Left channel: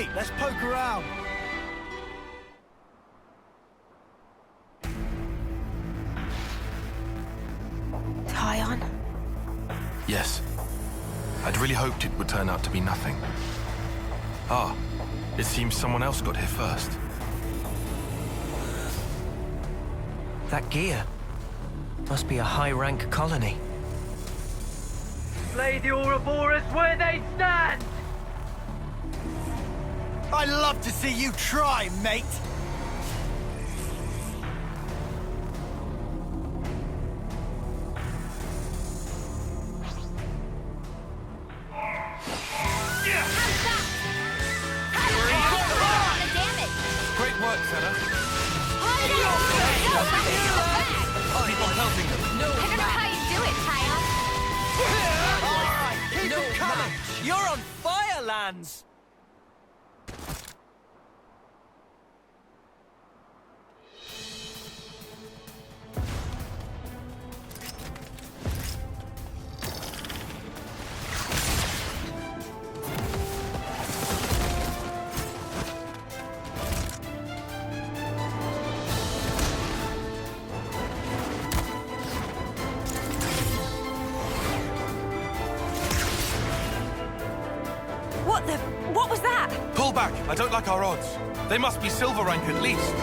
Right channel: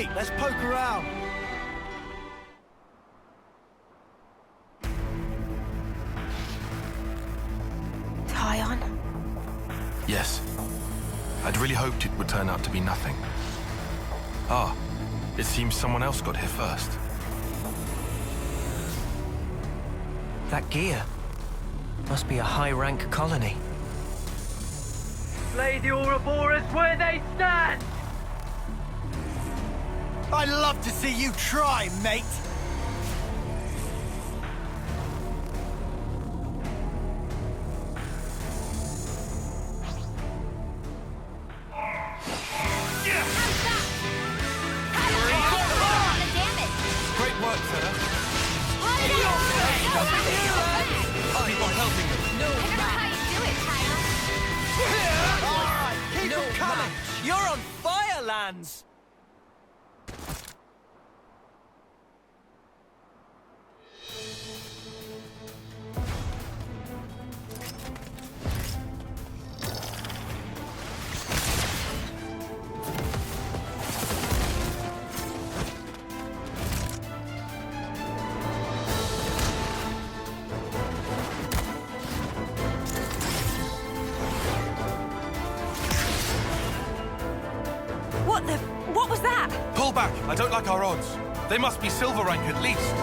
Sweet, let's poke around. Tyon? Yes. I'd really hoped it would turn out to be nothing. Ah, it seems someone else got here first. That gear must be a high-rank colony. Slay the Ouroboros where they stand! I'd love to see you try, mate. Great work, Senna. Keep on helping them. I don't know how you do it, Tyon. All right, keep them coming. You're on fire, Lands! What was that? Pull back. I don't like our odds. They must be silver rank at least.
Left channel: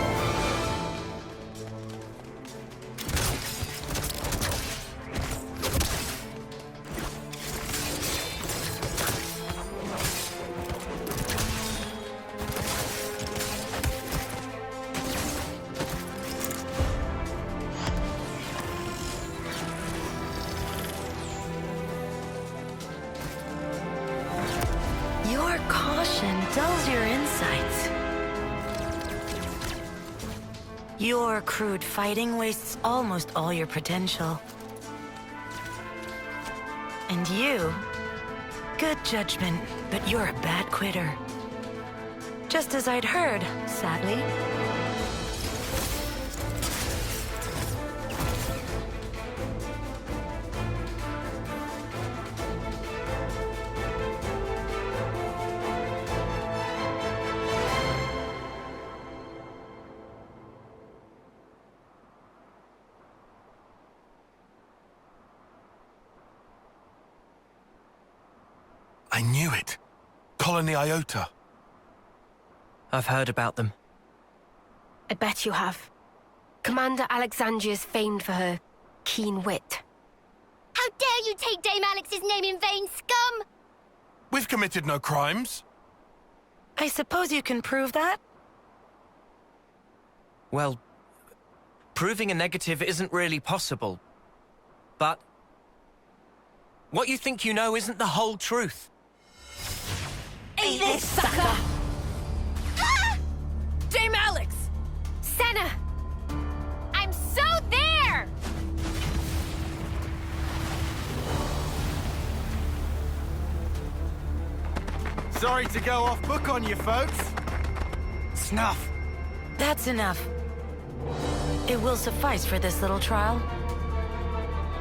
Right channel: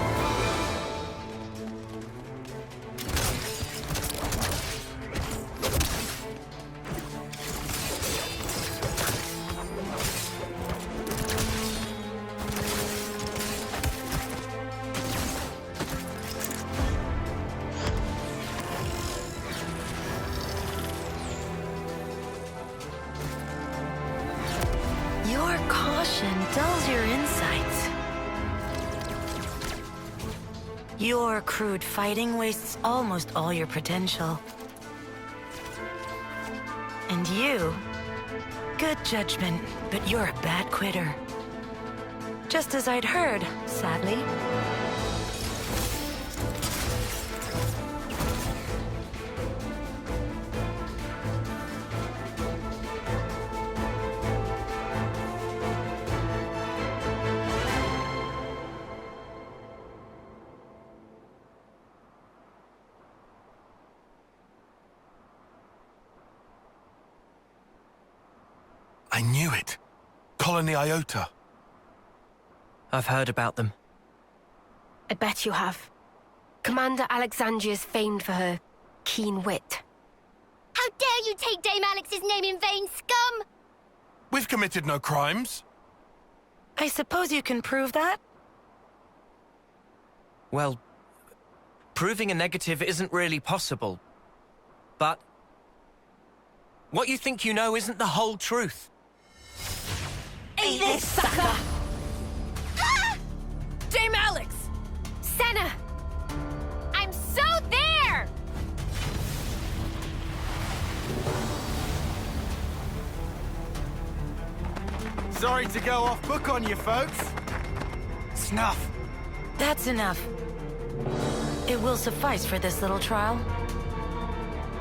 Your caution dulls your insights. Your crude fighting wastes almost all your potential. And you, good judgment, but you're a bad quitter. Just as I'd heard, sadly. I knew it. Colony Iota. I've heard about them. I bet you have. Commander Alexandria is famed for her keen wit. How dare you take Dame Alex's name in vain, scum! We've committed no crimes. I suppose you can prove that? Well, proving a negative isn't really possible. But what you think you know isn't the whole truth. Eat this, sucker! Dame Alex! Senna! I'm so there! Sorry to go off book on you, folks. Snuff. That's enough. It will suffice for this little trial.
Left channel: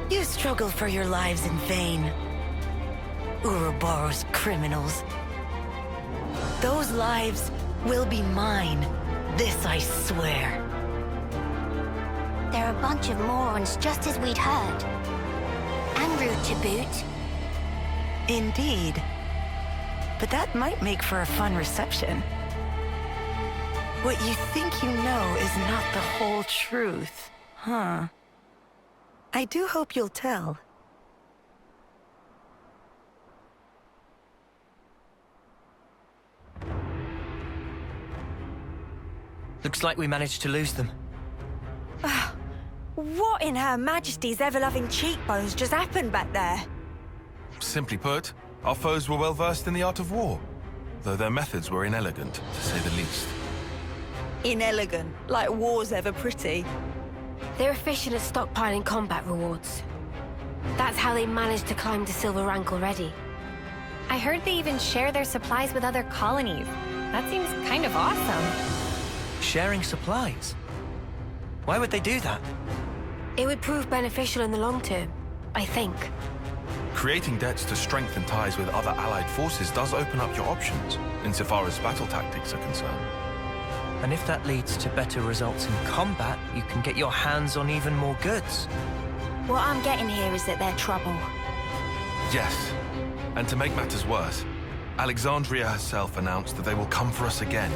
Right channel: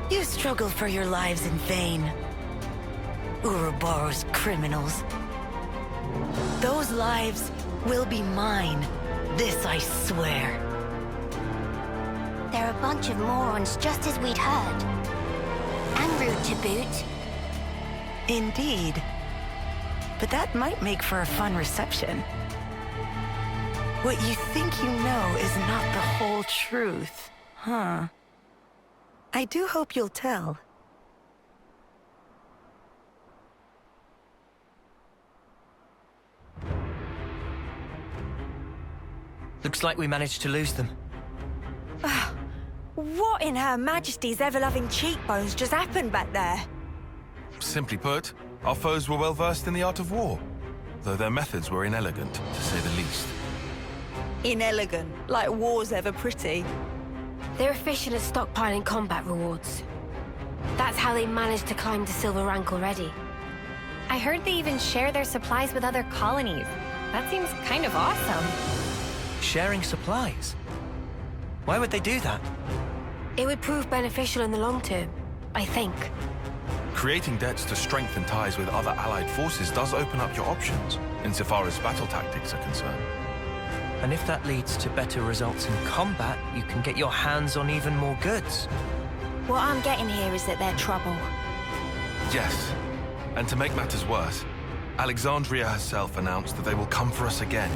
You struggled for your lives in vain. Ouroboros criminals. Those lives will be mine. This I swear. They're a bunch of morons, just as we'd heard. And rude to boot. Indeed. But that might make for a fun reception. What you think you know is not the whole truth, huh? I do hope you'll tell. Looks like we managed to lose them. What in Her Majesty's ever-loving cheekbones just happened back there? Simply put, our foes were well versed in the art of war, though their methods were inelegant, to say the least. Inelegant, like war's ever pretty. They're efficient at stockpiling combat rewards. That's how they managed to climb to silver rank already. I heard they even share their supplies with other colonies. That seems kind of awesome. Sharing supplies? Why would they do that? It would prove beneficial in the long term, I think. Creating debts to strengthen ties with other allied forces does open up your options, insofar as battle tactics are concerned. And if that leads to better results in combat, you can get your hands on even more goods. What I'm getting here is that they're trouble. Yes. And to make matters worse, Alexandria herself announced that they will come for us again.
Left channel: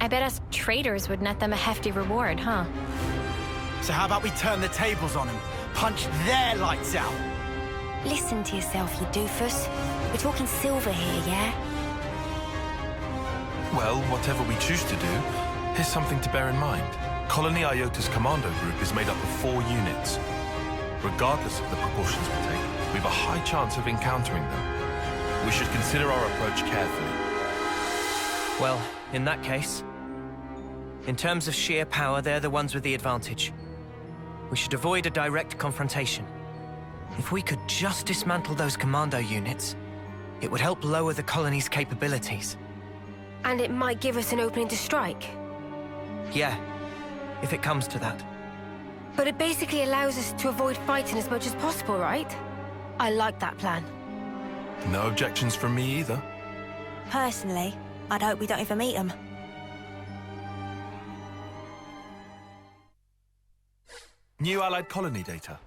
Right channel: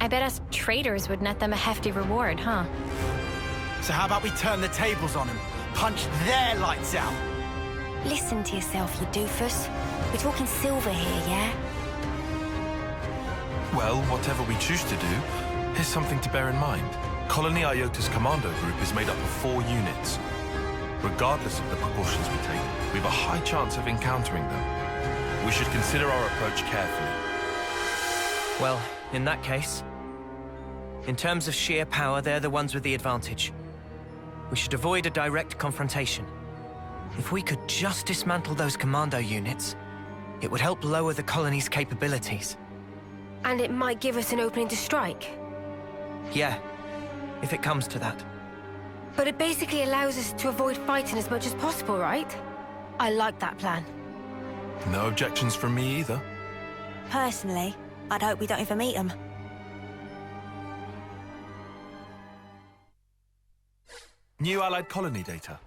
I bet us traitors would net them a hefty reward, huh? So how about we turn the tables on them? Punch their lights out! Listen to yourself, you doofus. We're talking silver here, yeah? Well, whatever we choose to do, here's something to bear in mind. Colony Iota's commando group is made up of 4 units. Regardless of the precautions we take, we have a high chance of encountering them. We should consider our approach carefully. Well, in that case, in terms of sheer power, they're the ones with the advantage. We should avoid a direct confrontation. If we could just dismantle those commando units, it would help lower the colony's capabilities. And it might give us an opening to strike. Yeah, if it comes to that. But it basically allows us to avoid fighting as much as possible, right? I like that plan. No objections from me either. Personally, I'd hope we don't ever meet them. New Allied colony data.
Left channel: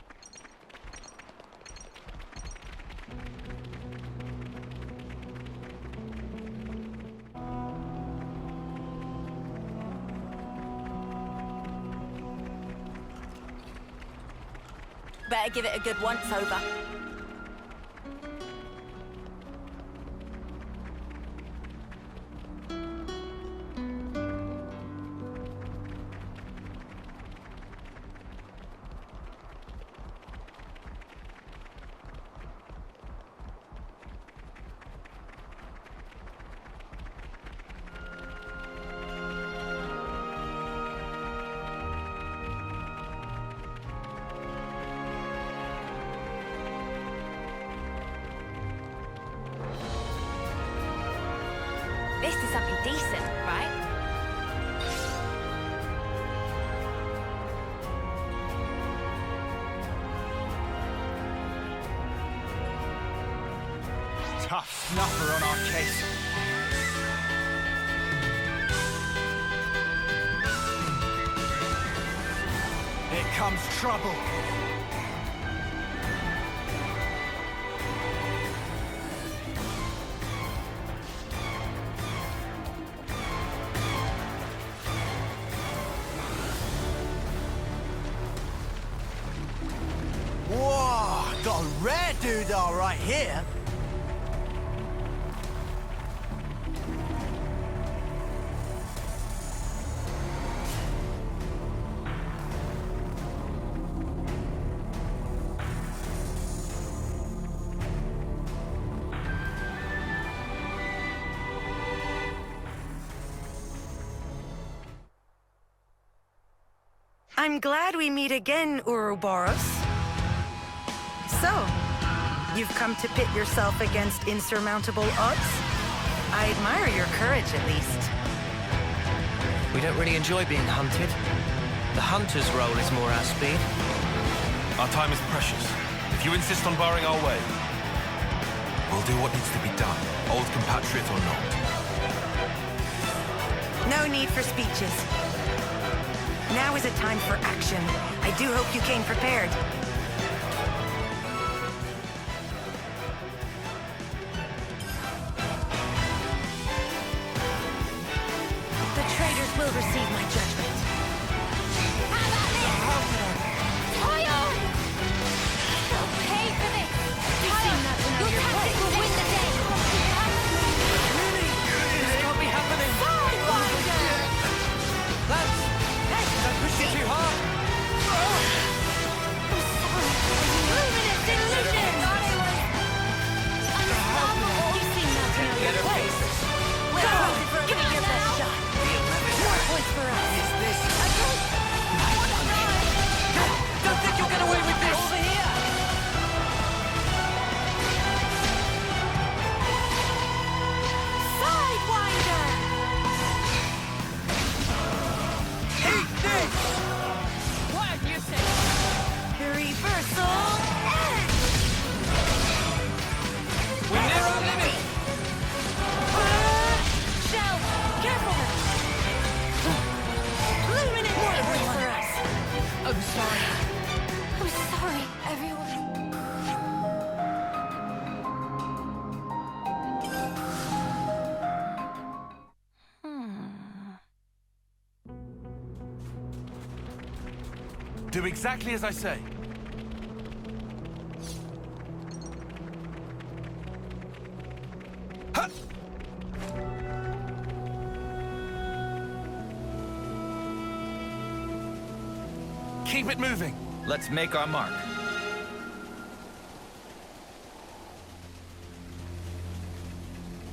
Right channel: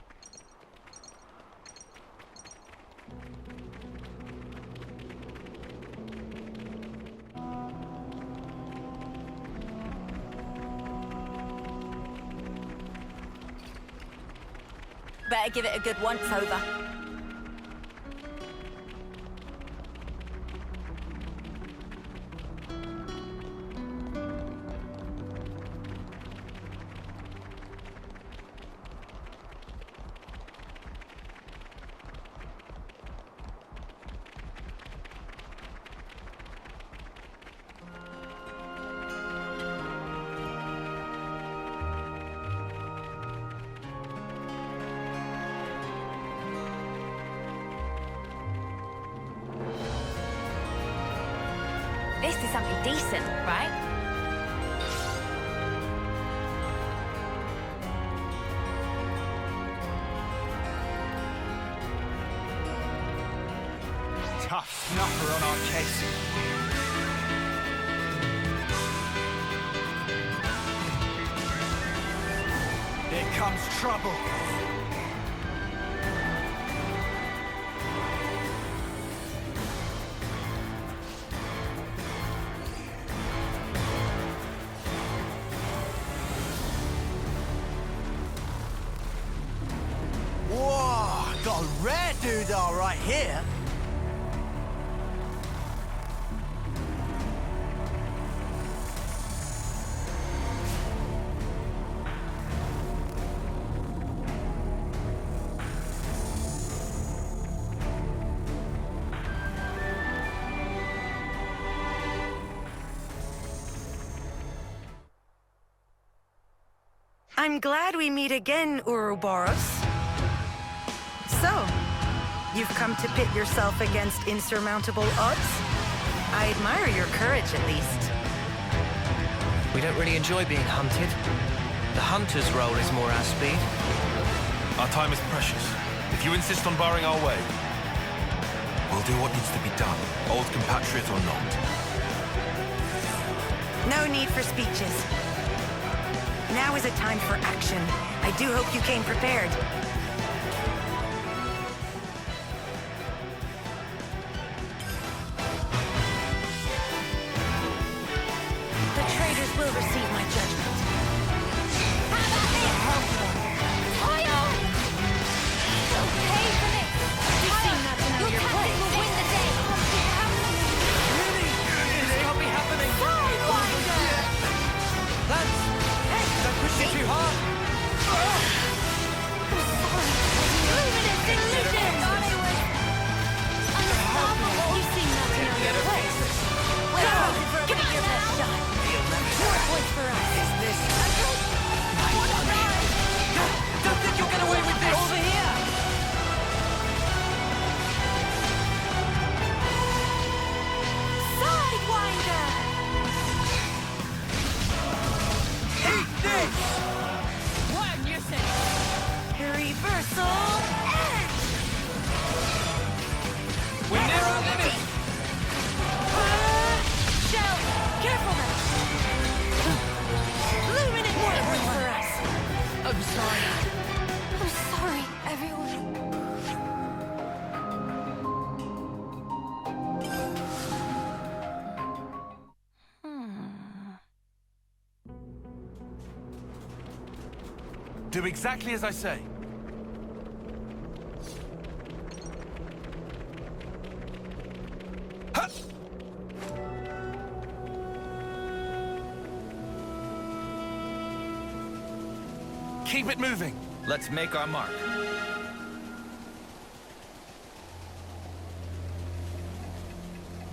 Better give it a good once-over. This is something decent, right? Tough snuffer on our case. Here comes trouble. Whoa, got a rare doodah right here. I'm glad we meet again, Ouroboros. So, you've come to pit yourself against insurmountable odds? I admire your courage, at least. We don't really enjoy being hunted. The hunter's role is more our speed. Our time is precious. If you insist on barring our way, we'll do what needs to be done, old compatriot or not. No need for speeches. Now is a time for action. I do hope you came prepared. The traitors will receive my judgment. How about this? Oil! You'll pay for this! You seem not to know your place. Will win the day! This can't be happening! Sidewinder! Lance! Hey! Don't push you too hard! Luminous illusion! Thought I was unstoppable! You seem not to know your place. Well, give it your best shot. More points for us. Is this? Don't think you'll get away with this! Over here! Sidewinder! Eat this! What you say? Reversal edge! We're near our limit! I'm sorry. I'm sorry, everyone. Do exactly as I say. Ha! Keep it moving. Let's make our mark.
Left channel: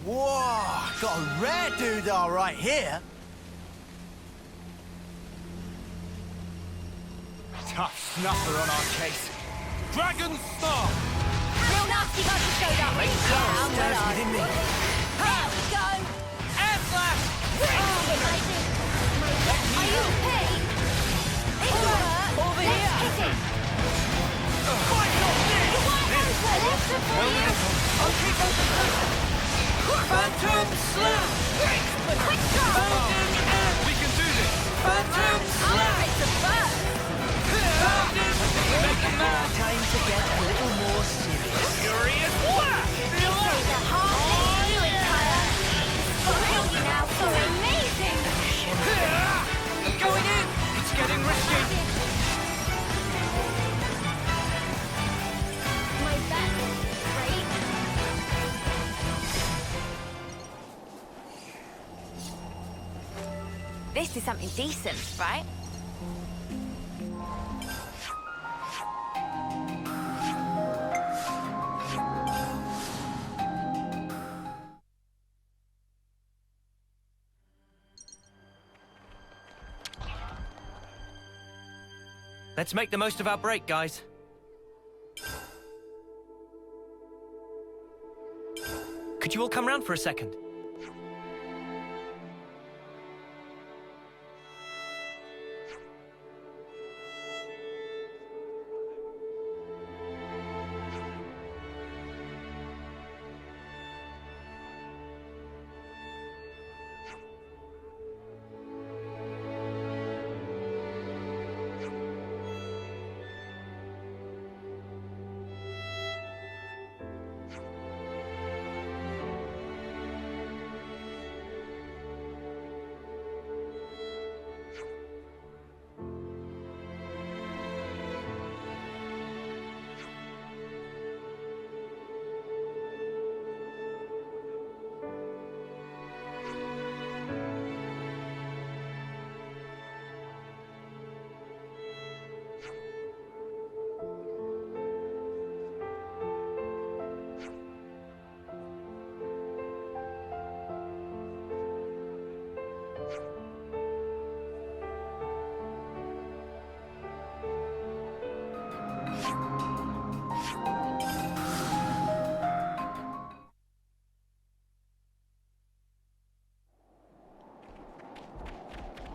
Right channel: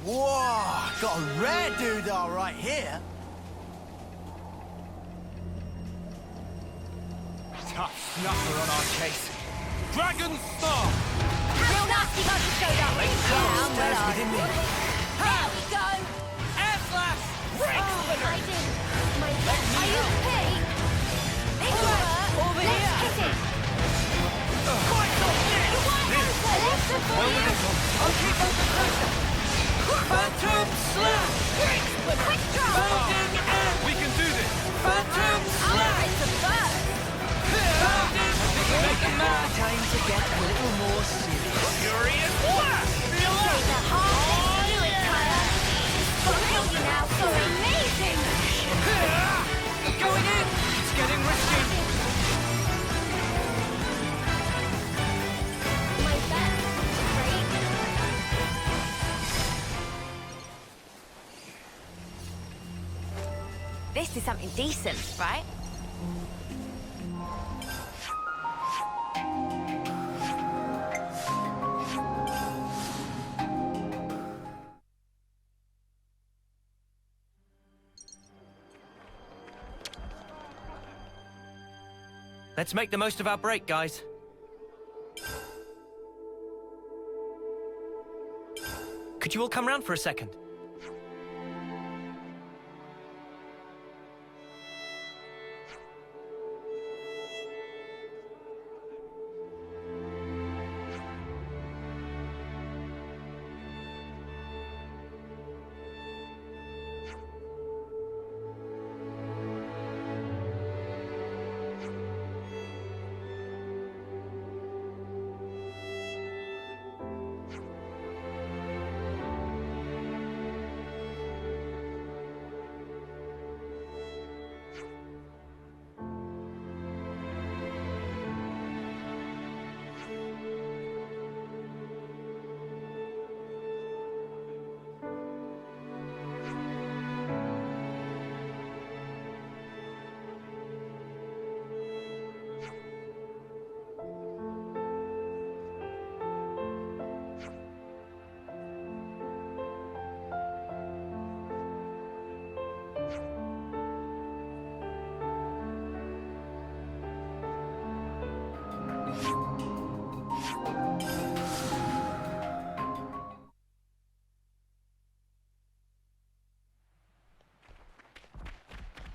Whoa! Got a rare doodah right here. Tough snuffer on our case. Dragon Star! Real nasty monkey showed up. Power stirs within me. There we go. Air slash! Amazing. Are you okay? This works. Over Let's here. hit it. Fight off this! The white house will lift the Well, I'll keep on the pressure. Phantom Slash! Quick drop. Founding and We can do this! Phantom I'm Slash! afraid to burst. Time to get a little more serious. Furious blast! Say the heart. Let's do it, Tyler. Got to you now. So amazing. I'm going in! It's getting risky. My best, right? This is something decent, right? Let's make the most of our break, guys. Could you all come round for a second?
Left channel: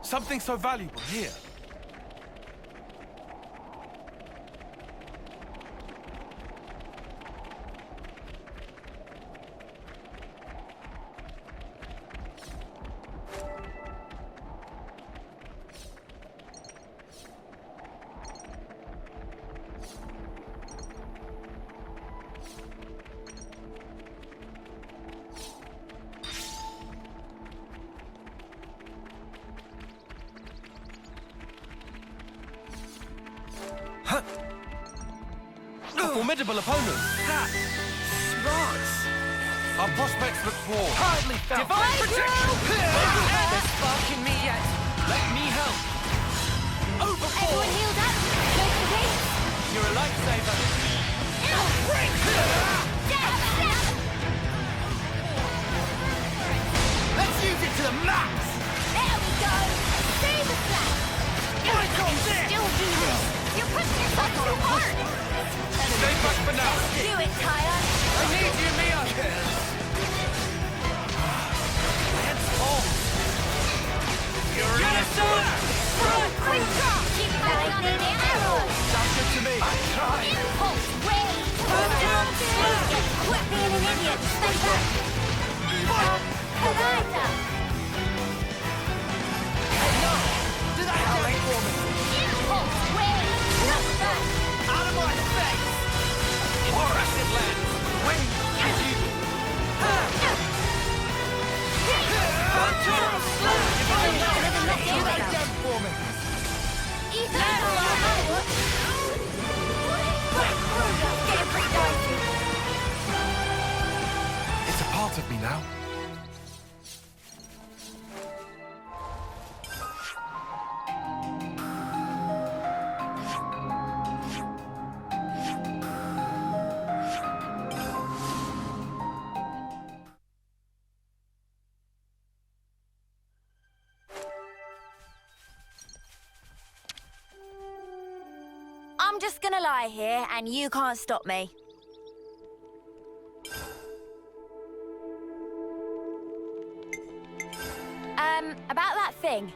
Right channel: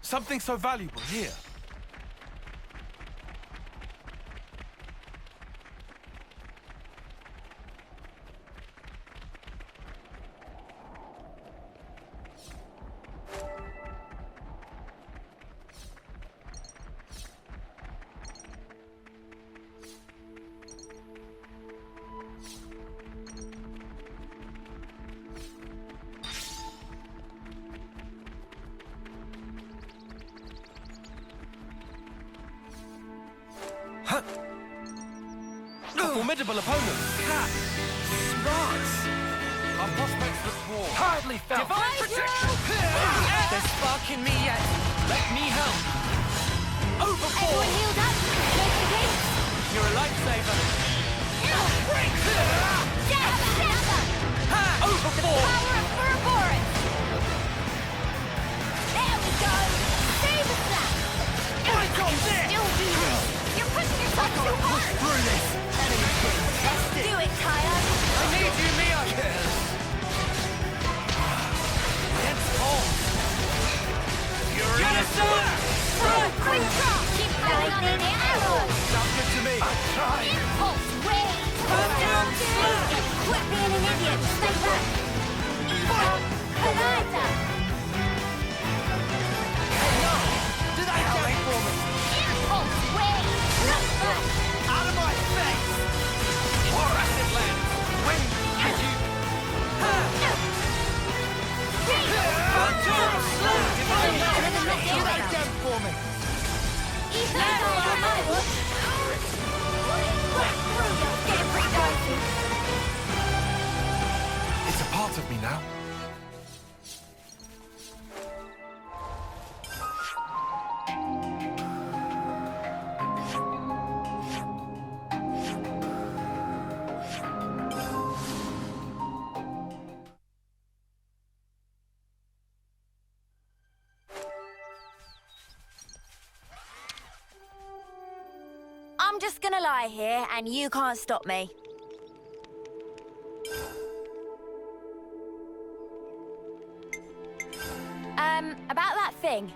Something so valuable here. A formidable opponent. Ha! Smart. Our prospects look poor. Hardly felt. Divine protection. There's spark in me yet. Let me help. Overboard. Everyone healed up. No complaints. You're a lifesaver. Overboard. Power of Ouroboros. Let's use it to the max. There we go. Save the slap. Fight on this. Still do this. You're pushing yourself too hard. Through this. Stay back for now. Let's do it, Tyler. I need you, Mio. Hands off. Furious Slash! Quick drop. Keep lightning arrows. Sounds good to me. Impulse wave. Quit being an idiot. Stay back. Collider. Do that again for me. Impulse Wait! Not that! Out of my face! Impressive, lads! When did you... For me! Getting pretty dicey. It's a part of me now. I'm just gonna lie here, and you can't stop me. About that thing.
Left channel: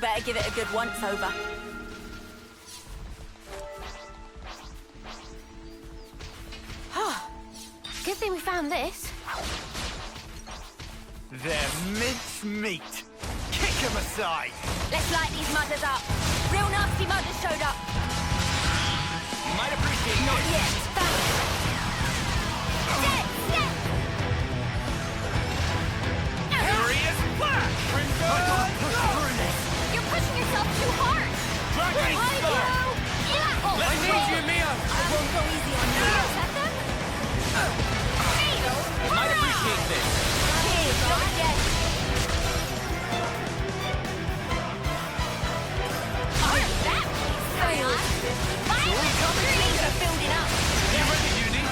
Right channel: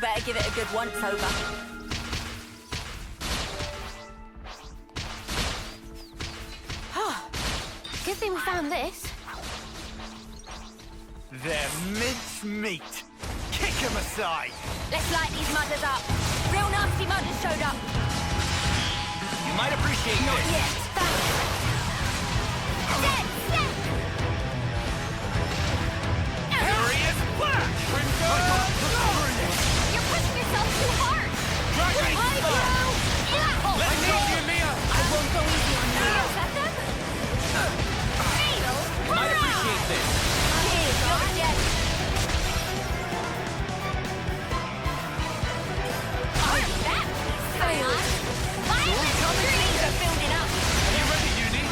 Better give it a good once-over. Good thing we found this. They're mince meat. Kick 'em aside. Let's light these mudders up. Real nasty mudders showed up. You might appreciate Not this. yet. Thanks. Dead set. Furious flash! Crimson! You're pushing yourself too hard. Dragon Spark! Let's need you, Mia! I won't go easy on you. Set them? Fatal. You might appreciate this. Here, you're dead. Aren't that failed? Violent screams are building up. Are you ready, Uni?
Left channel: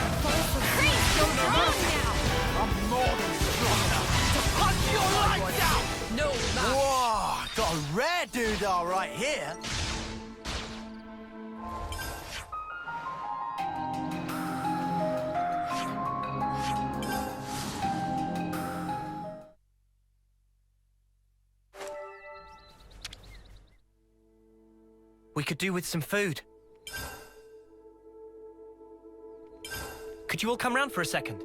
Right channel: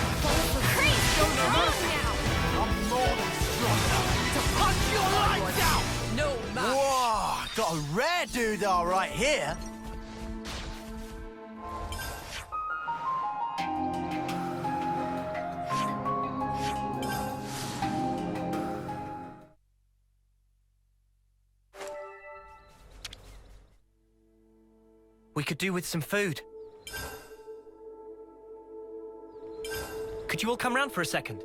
Creep, you're strong now. I'm more than strong enough to punch your lights out! No match. Whoa! Got a rare doodah right here. We could do with some food. Could you all come round for a second?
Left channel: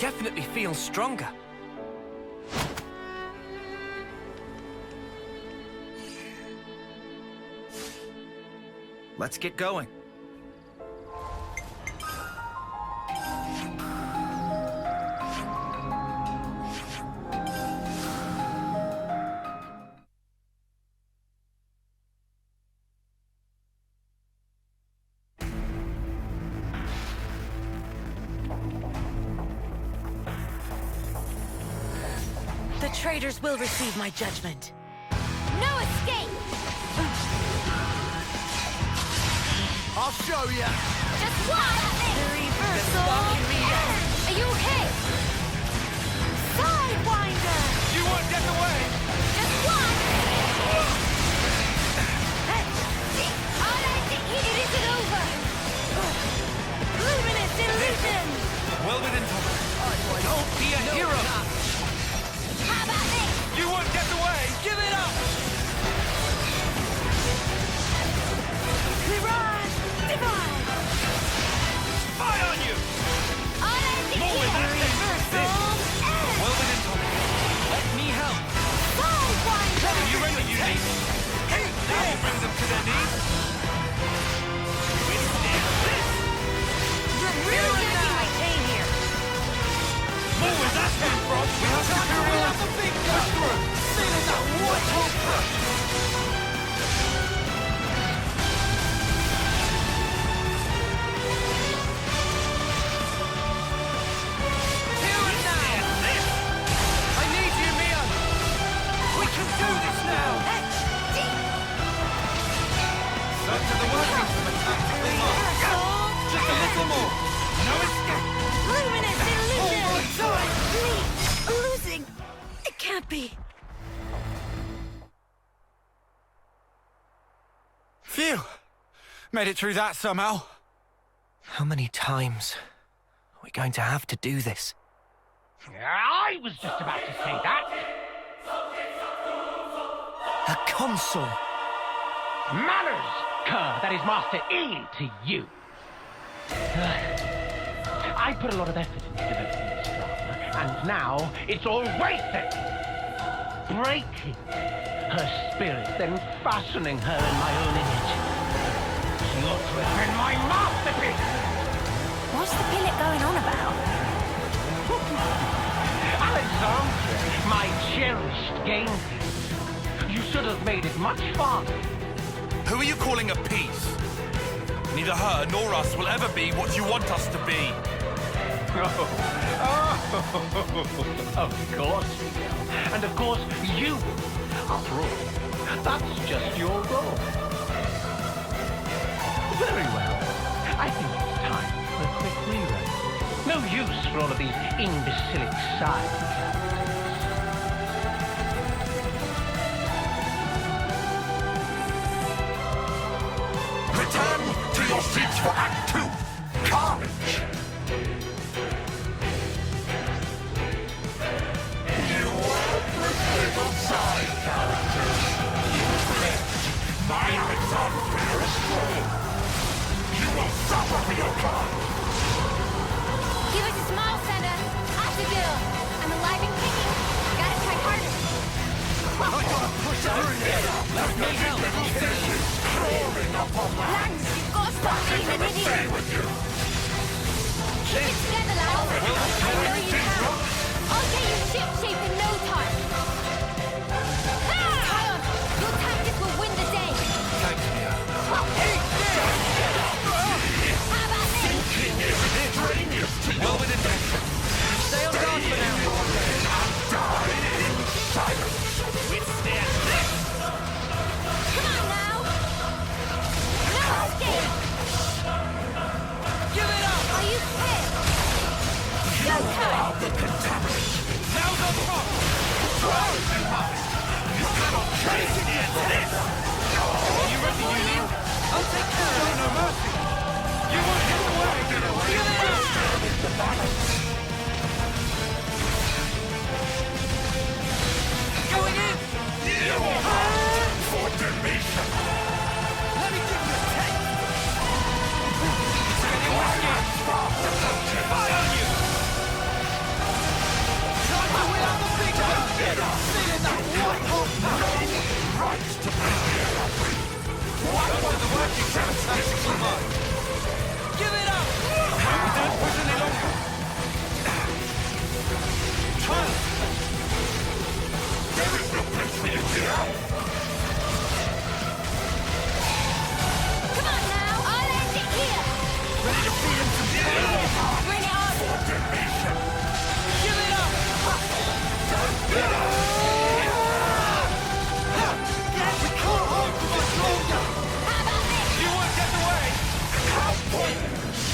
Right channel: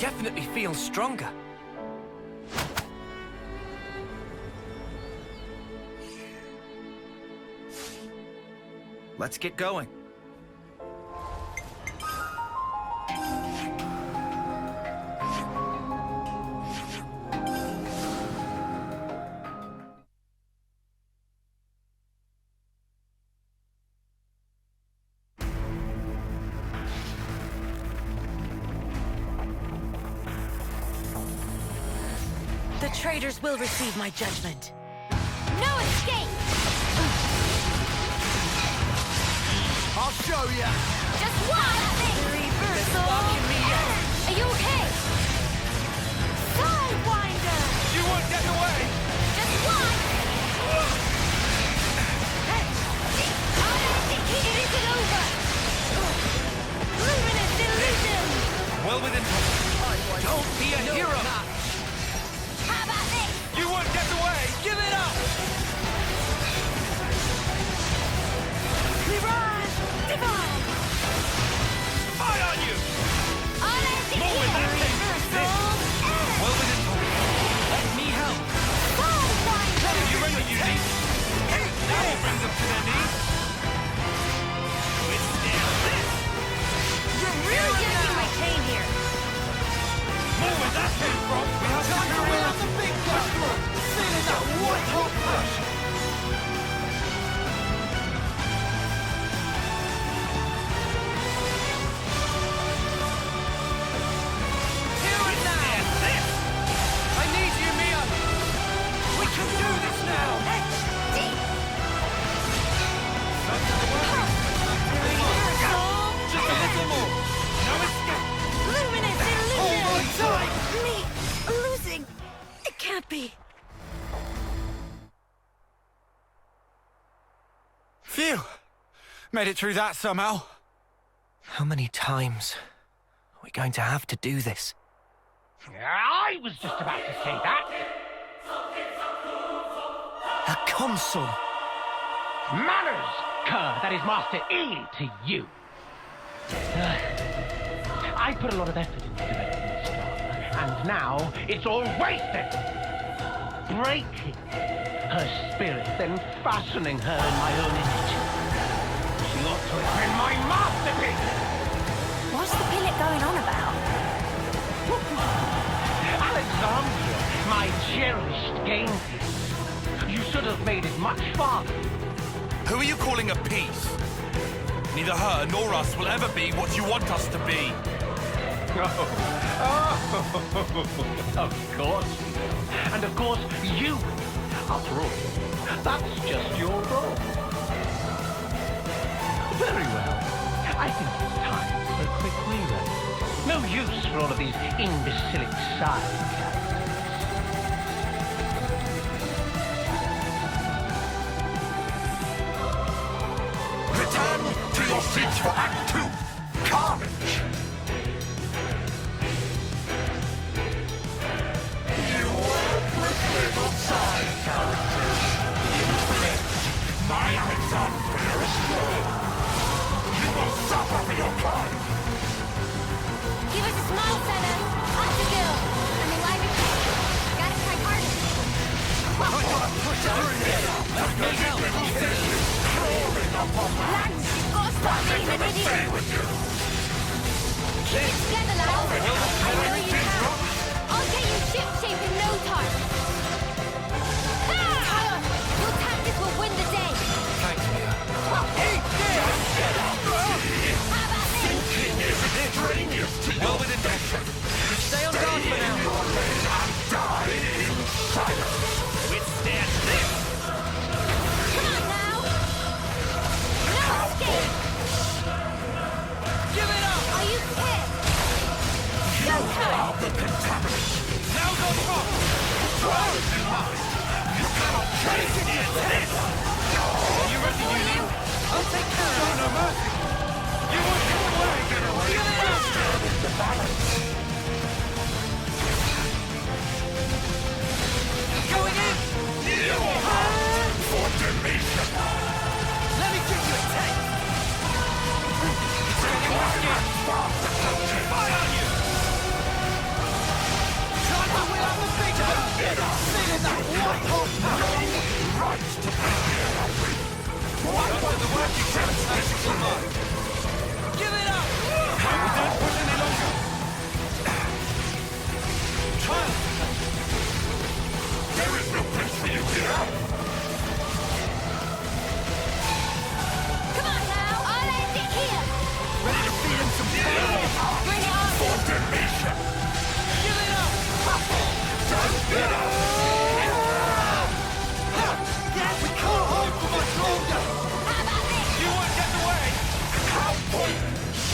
definitely feel stronger. Let's get going. The traitors will receive my judgment. No escape! I'll show ya! Just one! The reversal! Are you okay? Sidewinder! You won't get away! Just one! It isn't over! Luminous illusion! Well within touch. Don't be a hero! How about this? You won't get away! Give it up! Mirage Divine! Spy on you! More with that thing! Well within touch. Let me help! Sidewinder! Are you ready, Uni? That will bring them to their knees. Withstand this! You're really getting my pain here! More with that thing, Frog. We have Time to wheel out the big gun! Feeling that white hot push! Here and now! I need you, Mia! We can do this now! Back to the working from a tactical mark. Just a little more! No escape! Luminous illusion! Hold on tight! Me losing? It can't be. Phew! Made it through that somehow. How many times are we going to have to do this? I was just about to say that. A consul! Manners, cur, that is Master E to you. I put a lot of effort into developing this drama, and now it's all wasted. Breaking her spirit, then fashioning her in my own image. She ought to have been my masterpiece! What's the pilot going on about? Alexandria, my cherished game piece. You should have made it much farther. Who are you calling a piece? Neither her nor us will ever be what you want us to be. Of course you will. And of course you will. After all, that's just your role. Very well. I think it's time for a quick rewrite. No use for all of these imbecilic side characters. Return to your seats for Act 2, Carnage! You worthless little side characters! You fled my Alexandria's throne! You will suffer for your crime! Give us a smile, Senna. After girl. I'm alive and kicking. Gotta try harder. I gotta push through this! Let me help! Lance, you've got to stop being an idiot. Keep it together, lads. I know you can. I'll get you ship-shape in no time. Kion, your tactics will win the day. Thanks, Mia. Eat this! How about this? Well within touch. Stay on guard for now. Withstand this! Come on now. No escape. Give it up! Are you pissed? Go time. Now go front! You cannot chase this! Are you ready, Uni? I'll take care of it. No mercy! You won't get away! Give it up! Going in! For Demetrius! Let me give you a taste! It's getting risky! Spy on you! Time to wheel out the big gun! Feeling that white hot power! Rights to be here, Up to the working class tactical mind. Give it up! We don't push any longer. Child! There is no place for you here! Come on now, I'll end it here. Ready to feed him some pain? Bring it on. For deletion! Give it up! We can't hold for much longer! How about this? You won't get away! How pointless!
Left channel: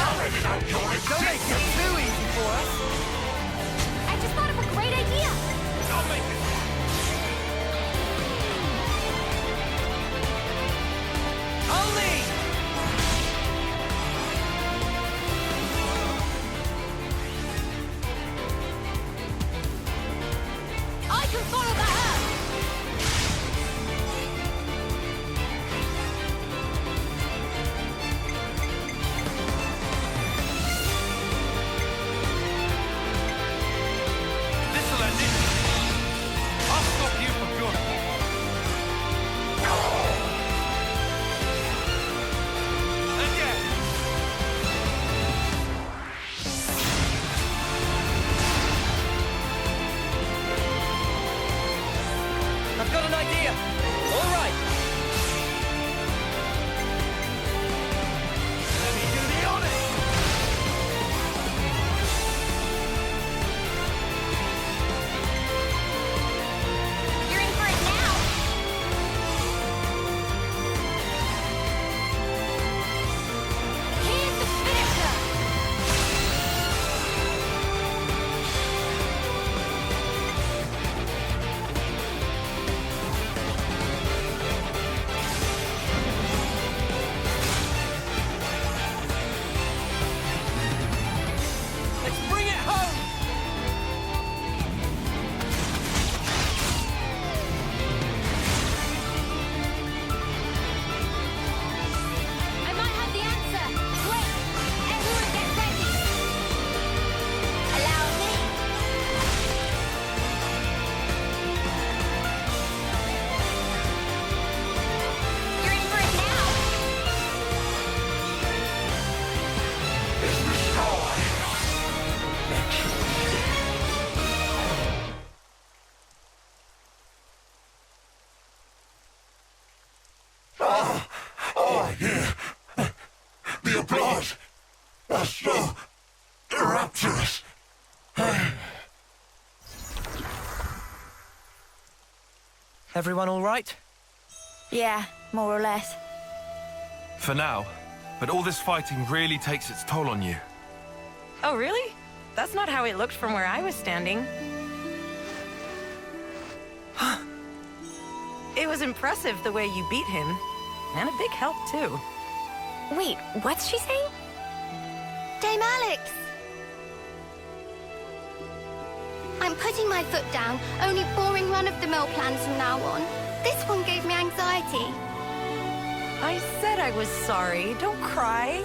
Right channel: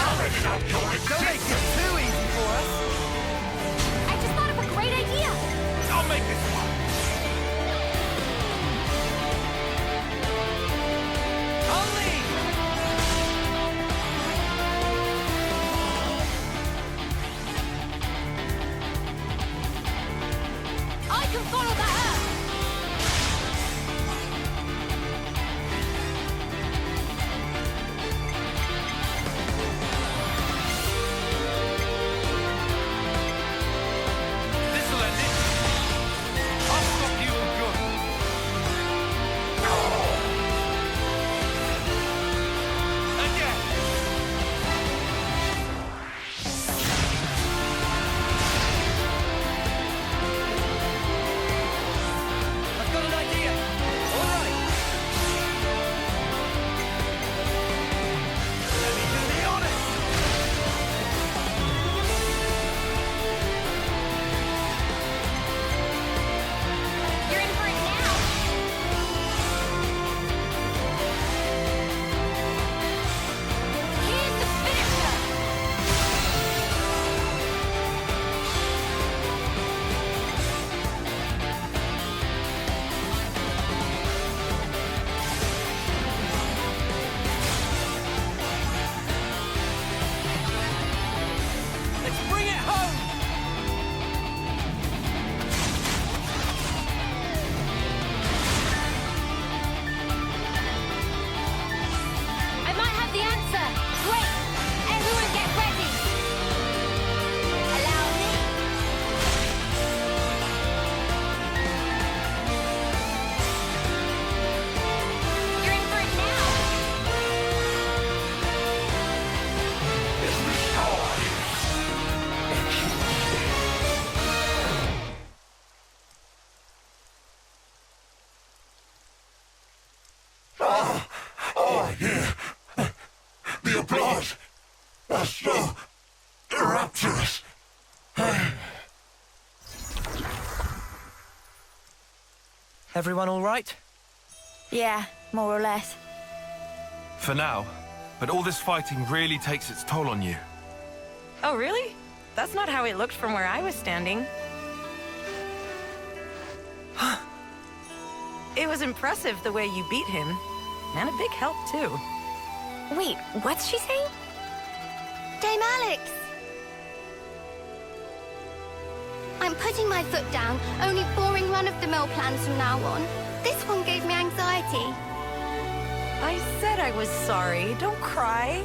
Already know your Don't make it too easy for us! I just thought of a great idea. I'll make this one! I'll lead! I can follow that up. This'll end it! I'll stop you for good! Again! I've got an idea. All right. Let me do the honors! You're in for it now. Here's the finisher. Let's bring it home! I might have the answer. Wait, everyone get ready. Allow me. You're in for it now. is destroyed! Here. The applause was so rapturous. Everyone all right? Yeah, more or less. For now, but all this fighting really takes its toll on you. Oh, really? That's not how it looked from where I was standing. It was impressive the way you beat him. And a big help, too. Wait, what's she saying? Dame Alex! I'm putting my foot down. Only boring run-of-the-mill plans from now on. This one gave me anxiety. I said I was sorry. Don't cry.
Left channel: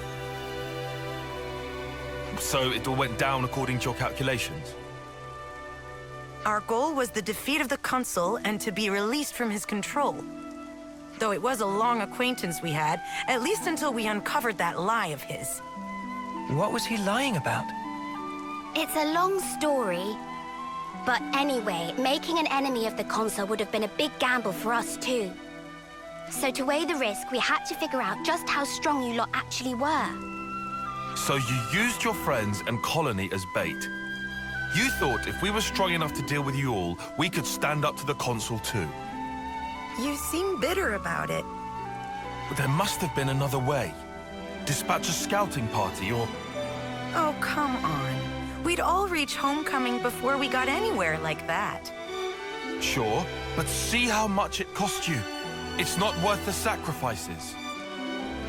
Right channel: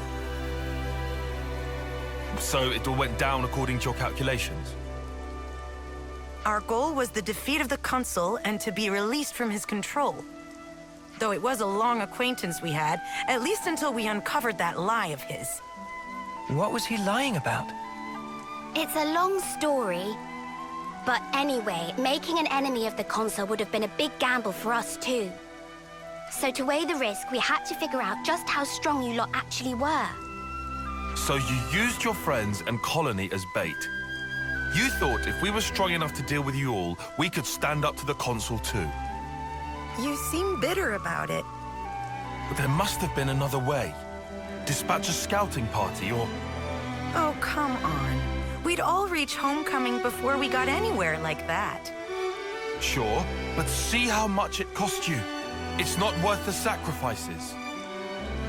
So it all went down according to your calculations? Our goal was the defeat of the Consul and to be released from his control. Though it was a long acquaintance we had, at least until we uncovered that lie of his. What was he lying about? It's a long story. But anyway, making an enemy of the Consul would have been a big gamble for us too. So to weigh the risk, we had to figure out just how strong you lot actually were. So you used your friends and colony as bait. You thought if we were strong enough to deal with you all, we could stand up to the Consul too. You seem bitter about it. But there must have been another way. Dispatch a scouting party or... Oh, come on. We'd all reach homecoming before we got anywhere like that. Sure, but see how much it cost you. It's not worth the sacrifices.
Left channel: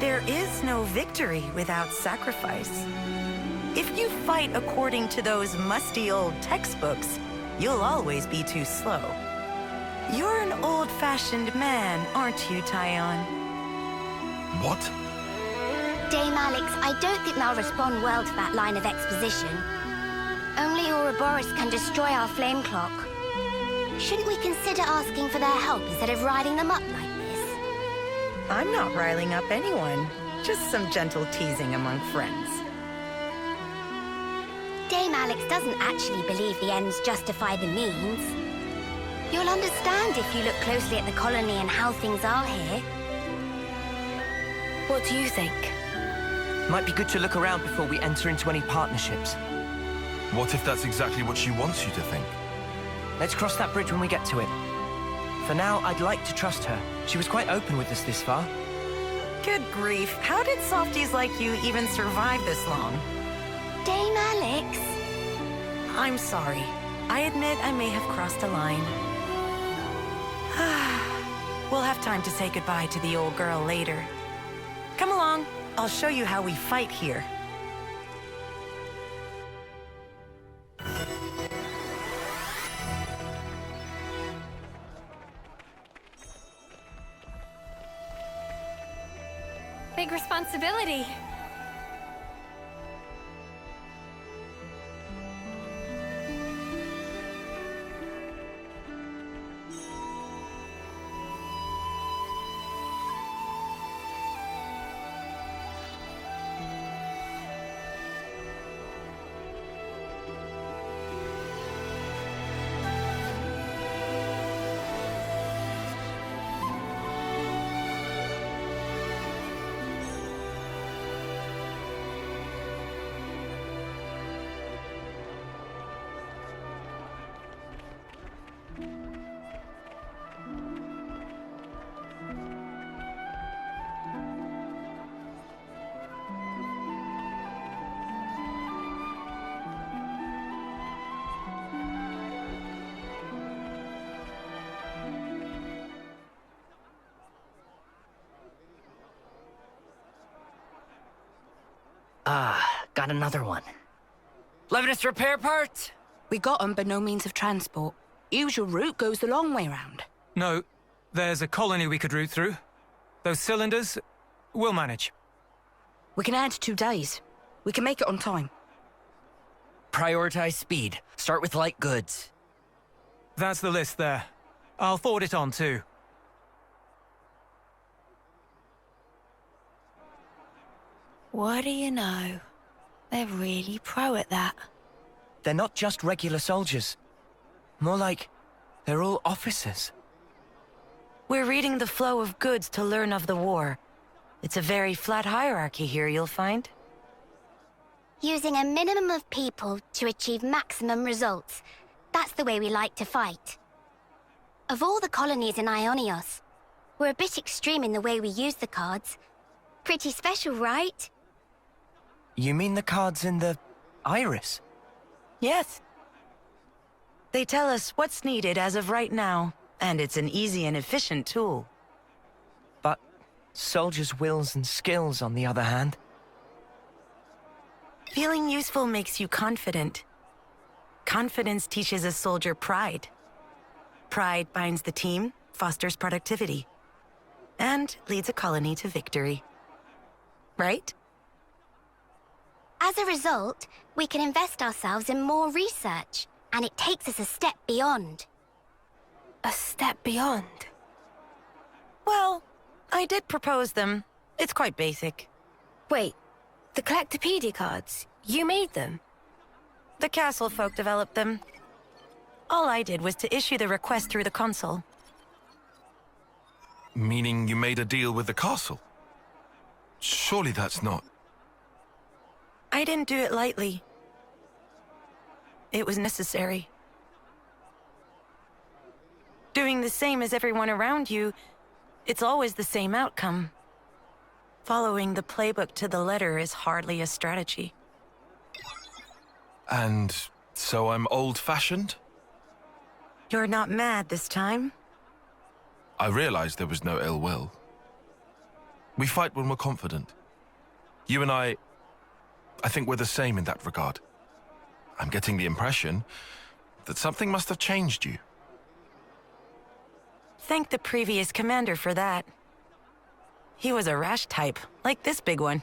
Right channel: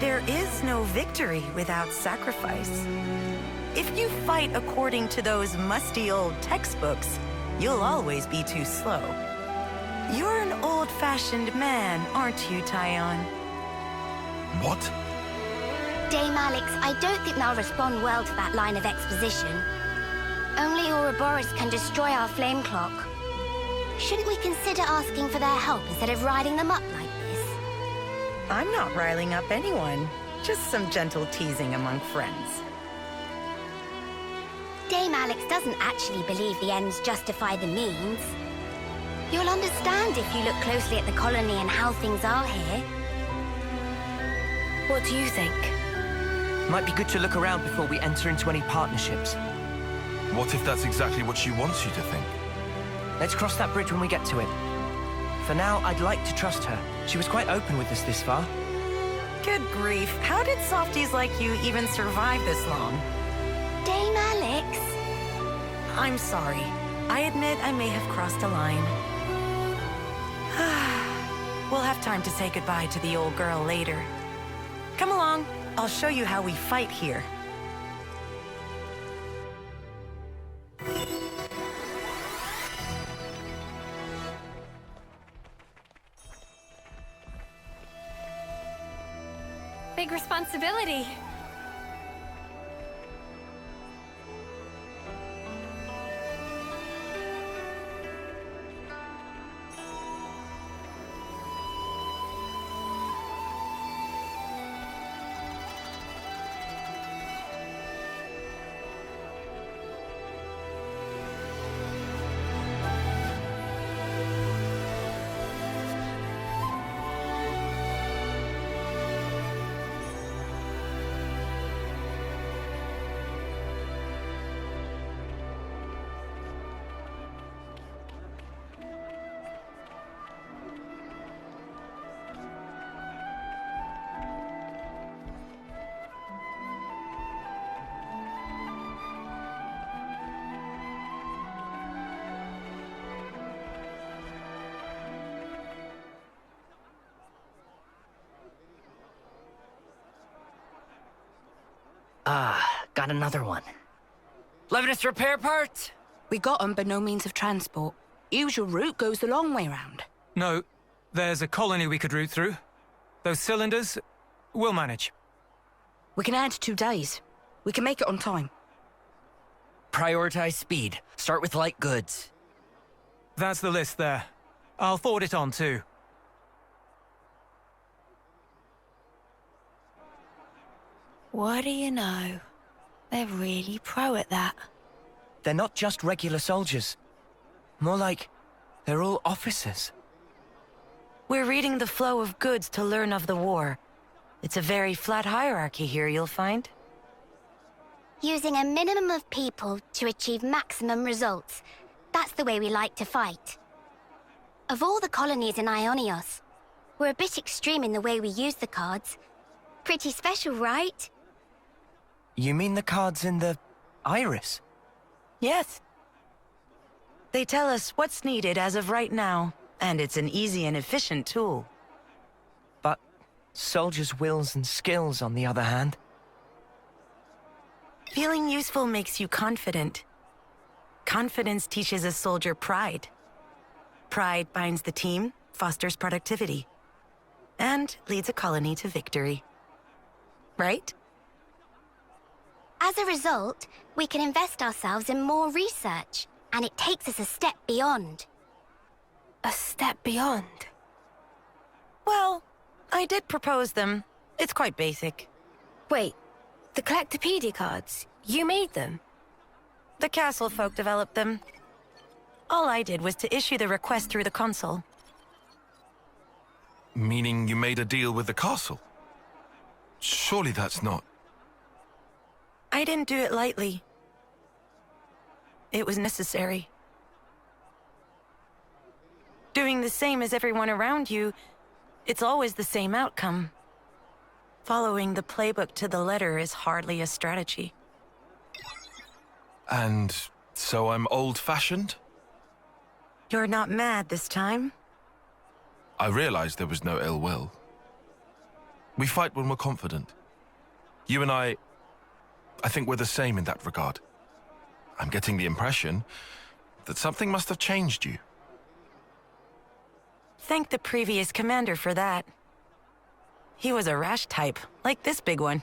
There is no victory without sacrifice. If you fight according to those musty old textbooks, you'll always be too slow. You're an old-fashioned man, aren't you, Tyon? What? Dame Alex, I don't think they'll respond well to that line of exposition. Only Ouroboros can destroy our flame clock. Shouldn't we consider asking for their help instead of riding them up like this? I'm not riling up anyone. Just some gentle teasing among friends. Dame Alex doesn't actually believe the ends justify the means. You'll understand if you look closely at the colony and how things are here. What do you think? Might be good to look around before we enter into any partnerships. What if that's exactly what she wants you to think? Let's cross that bridge when we get to it. For now, I'd like to trust her. She was quite open with us this far. Good grief. How did softies like you even survive this long? Dame Alex? I'm sorry. I admit I may have crossed a line. We'll have time to say goodbye to the old girl later. Come along. I'll show you how we fight here. Big responsibility. Got another one. Levinus repair parts? We got 'em, but no means of transport. Usual route goes the long way round. No, there's a colony we could route through. Those cylinders, we'll manage. We can add 2 days. We can make it on time. Prioritize speed. Start with light goods. That's the list there. I'll forward it on too. What do you know? They're really pro at that. They're not just regular soldiers. More like they're all officers. We're reading the flow of goods to learn of the war. It's a very flat hierarchy here, you'll find. Using a minimum of people to achieve maximum results. That's the way we like to fight. Of all the colonies in Ionios, we're a bit extreme in the way we use the cards. Pretty special, right? You mean the cards in the iris? Yes. They tell us what's needed as of right now, and it's an easy and efficient tool. But soldiers' wills and skills, on the other hand. Feeling useful makes you confident. Confidence teaches a soldier pride. Pride binds the team, fosters productivity, and leads a colony to victory. Right? As a result, we can invest ourselves in more research, and it takes us a step beyond. A step beyond? Well, I did propose them. It's quite basic. Wait, the Collectopedia cards, you made them? The castle folk developed them. All I did was to issue the request through the Consul. Meaning you made a deal with the castle? Surely that's not... I didn't do it lightly. It was necessary. Doing the same as everyone around you, it's always the same outcome. Following the playbook to the letter is hardly a strategy. And so I'm old-fashioned? You're not mad this time? I realized there was no ill will. We fight when we're confident. You and I think we're the same in that regard. I'm getting the impression that something must have changed you. Thank the previous commander for that. He was a rash type, like this big one.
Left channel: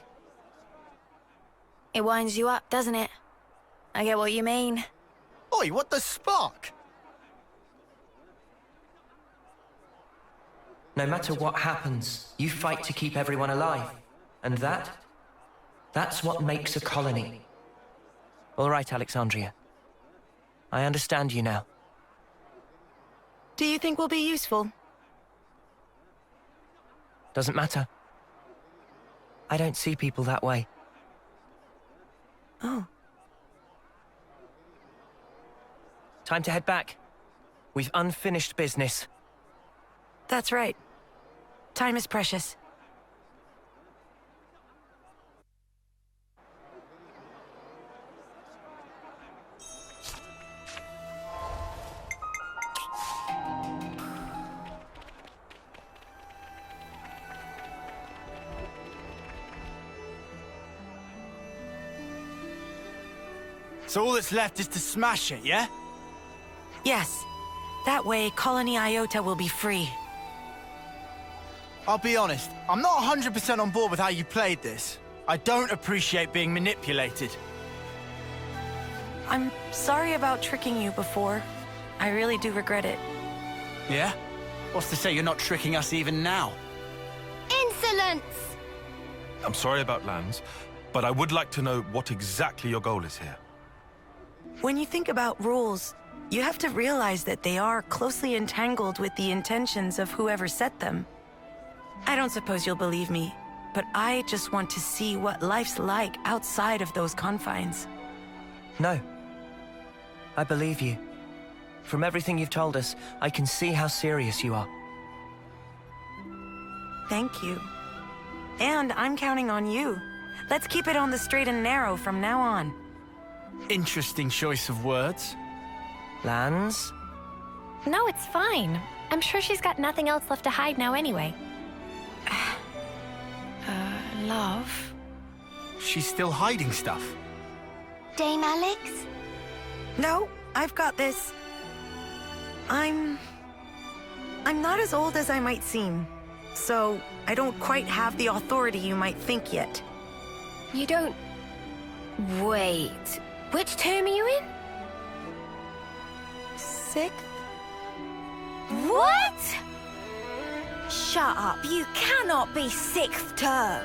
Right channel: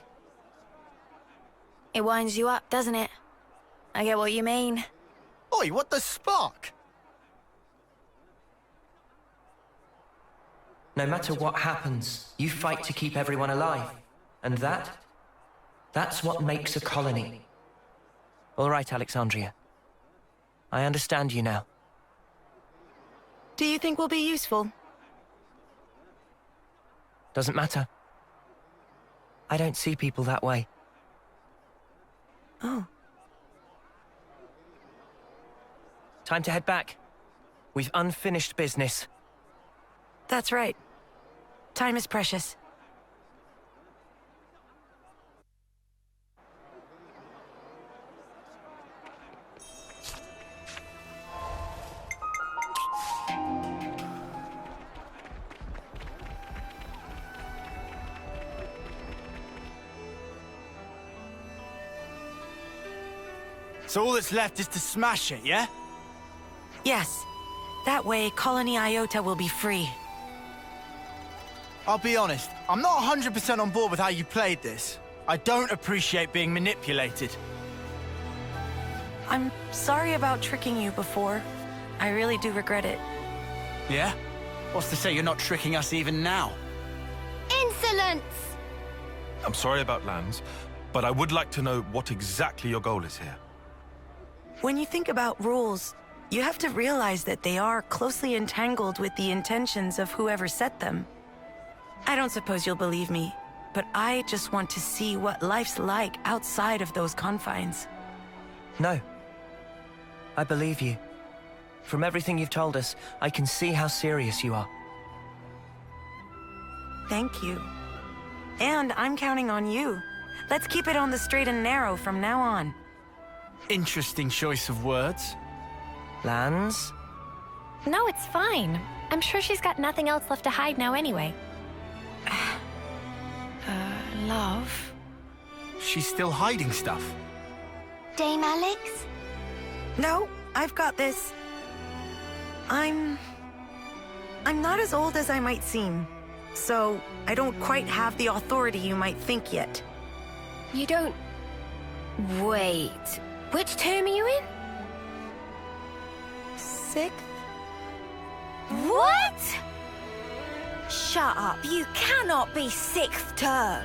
It winds you up, doesn't it? I get what you mean. Oi, what the spark? No matter what happens, you fight to keep everyone alive. And that's what makes a colony. All right, Alexandria. I understand you now. Do you think we'll be useful? Doesn't matter. I don't see people that way. Oh. Time to head back. We've unfinished business. That's right. Time is precious. So all that's left is to smash it, yeah? Yes. That way, Colony Iota will be free. I'll be honest, I'm not 100% on board with how you played this. I don't appreciate being manipulated. I'm sorry about tricking you before. I really do regret it. Yeah? What's to say you're not tricking us even now? Insolence! I'm sorry about Lands, but I would like to know what exactly your goal is here. When you think about rules, you have to realize that they are closely entangled with the intentions of whoever set them. I don't suppose you'll believe me, but I just want to see what life's like outside of those confines. No. I believe you. From everything you've told us, I can see how serious you are. Thank you. And I'm counting on you. Let's keep it on the straight and narrow from now on. Interesting choice of words. Lands? No, it's fine. I'm sure she's got nothing else left to hide now anyway. Love? She's still hiding stuff. Dame Alex? No, I've got this. I'm not as old as I might seem, so I don't quite have the authority you might think yet. You don't... Wait. Which term are you in? 6th? What? Shut up. You cannot be 6th term.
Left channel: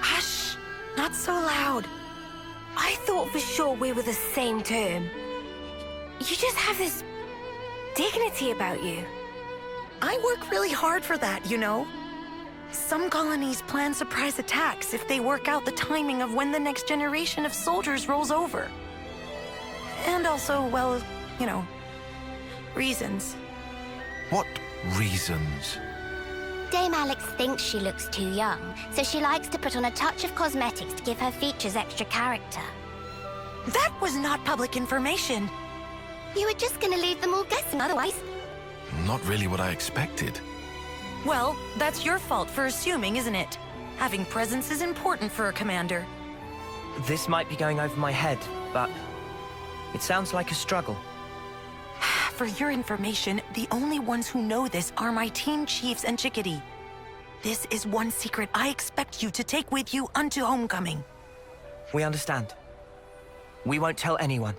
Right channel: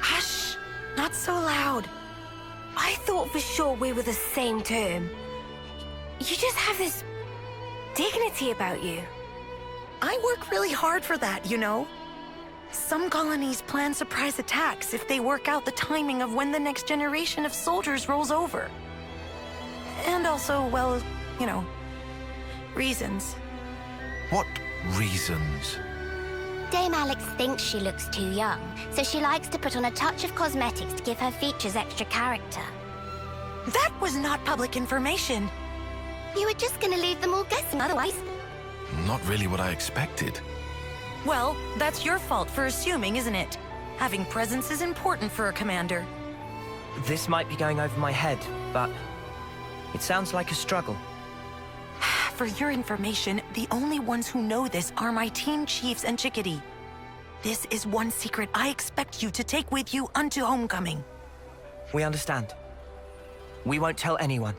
Hush! Not so loud. I thought for sure we were the same term. You just have this dignity about you. I work really hard for that, you know. Some colonies plan surprise attacks if they work out the timing of when the next generation of soldiers rolls over. And also, well, you know, reasons. What reasons? Dame Alex thinks she looks too young, so she likes to put on a touch of cosmetics to give her features extra character. That was not public information. You were just gonna leave them all guessing otherwise. Not really what I expected. Well, that's your fault for assuming, isn't it? Having presence is important for a commander. This might be going over my head, but it sounds like a struggle. For your information, the only ones who know this are my team chiefs and Chickadee. This is one secret I expect you to take with you unto homecoming. We understand. We won't tell anyone.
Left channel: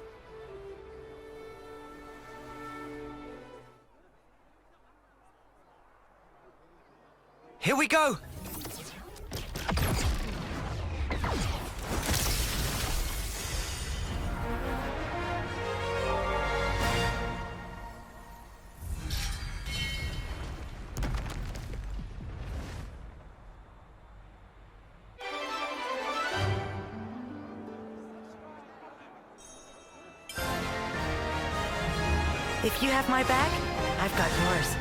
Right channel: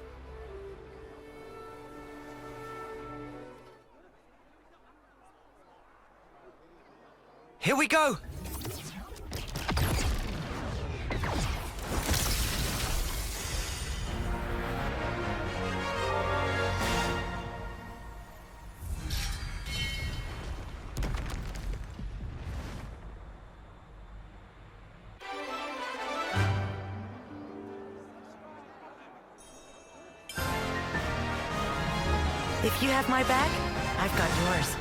Here we go! If you have my back, I've got yours.